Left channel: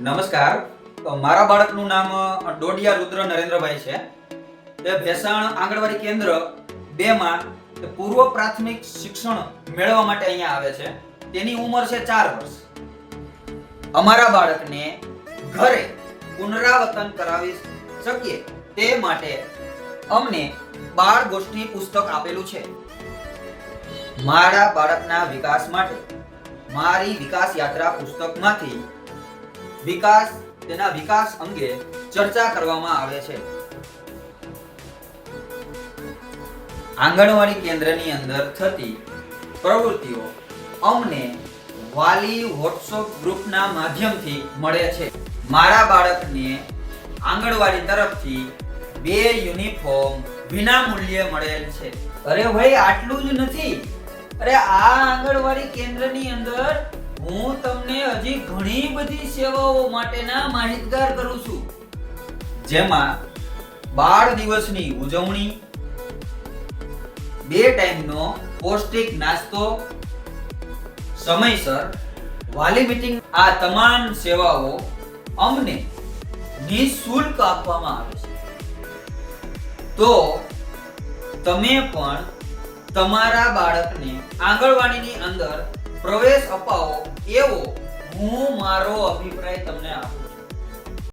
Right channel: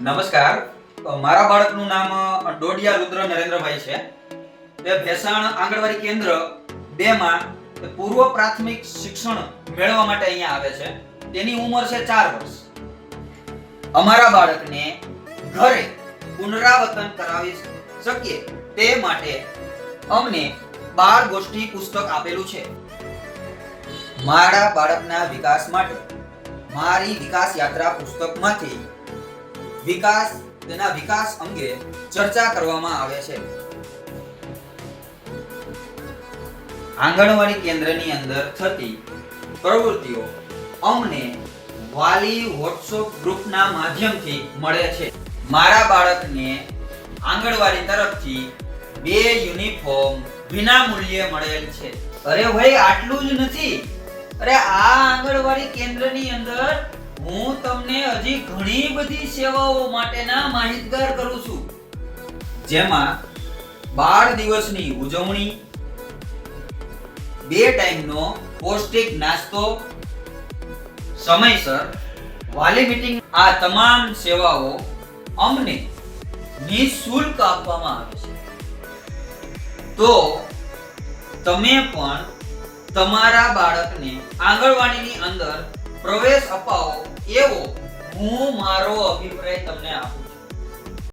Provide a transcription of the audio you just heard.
નમસ્કાર. મારા બાળકનું નામ ડોડિયા રુદ્ર નરેન્દ્રભાઈ છે. તે ભેસાણ આંગણવાડી કેન્દ્ર 2 માં પૂર્વ પ્રાથમિક શિક્ષણ મેળવવા માટે અહીંયા આવે છે. તેની ઉંમર છે 4 વર્ષ. અમારા બાળકને ઘરે પુનરાવર્તન કરાવી શકીએ તે માટે અમને બાળ ગોષ્ઠી પુસ્તક આપેલું છે. મારા બાળકના વિકાસ માટે મારી વિકાસ યાત્રા પુસ્તકમાંથી તેના વિકાસ અંગે ચર્ચા કરવામાં આવે છે. આંગણવાડી કેન્દ્રની અંદર થતી પ્રવૃત્તિઓ અમને વાલી વોટ્સએપ ગ્રુપના માધ્યમથી મળે છે. મારા બાળકને આંગણવાડી તરફથી 2 યુનિફોર્મ વિના મૂલ્યે મળેલ છે. અરે ભાઈ, આટલું જ નથી. અરે આ આંગણવાડી કેન્દ્રની અંદર હું તમને હજી ઘણી બધી સેવાઓ માટેના માહિતગાર કરું છું, જેમાં બાળ દિવસની ઉજવણી, 2 ટાઈમનો પૌષ્ટિક નાસ્તો, સમયસર વાલી મીટિંગ, આ તમામ સેવાઓ અમને નિઃશુલ્ક આપવામાં આવે છે. તો તમે પણ તમારા બાળકને આંગણવાડીની અંદર પ્રવેશ અપાવો એવો હું મારો અભિપ્રાય તમને આપું છું.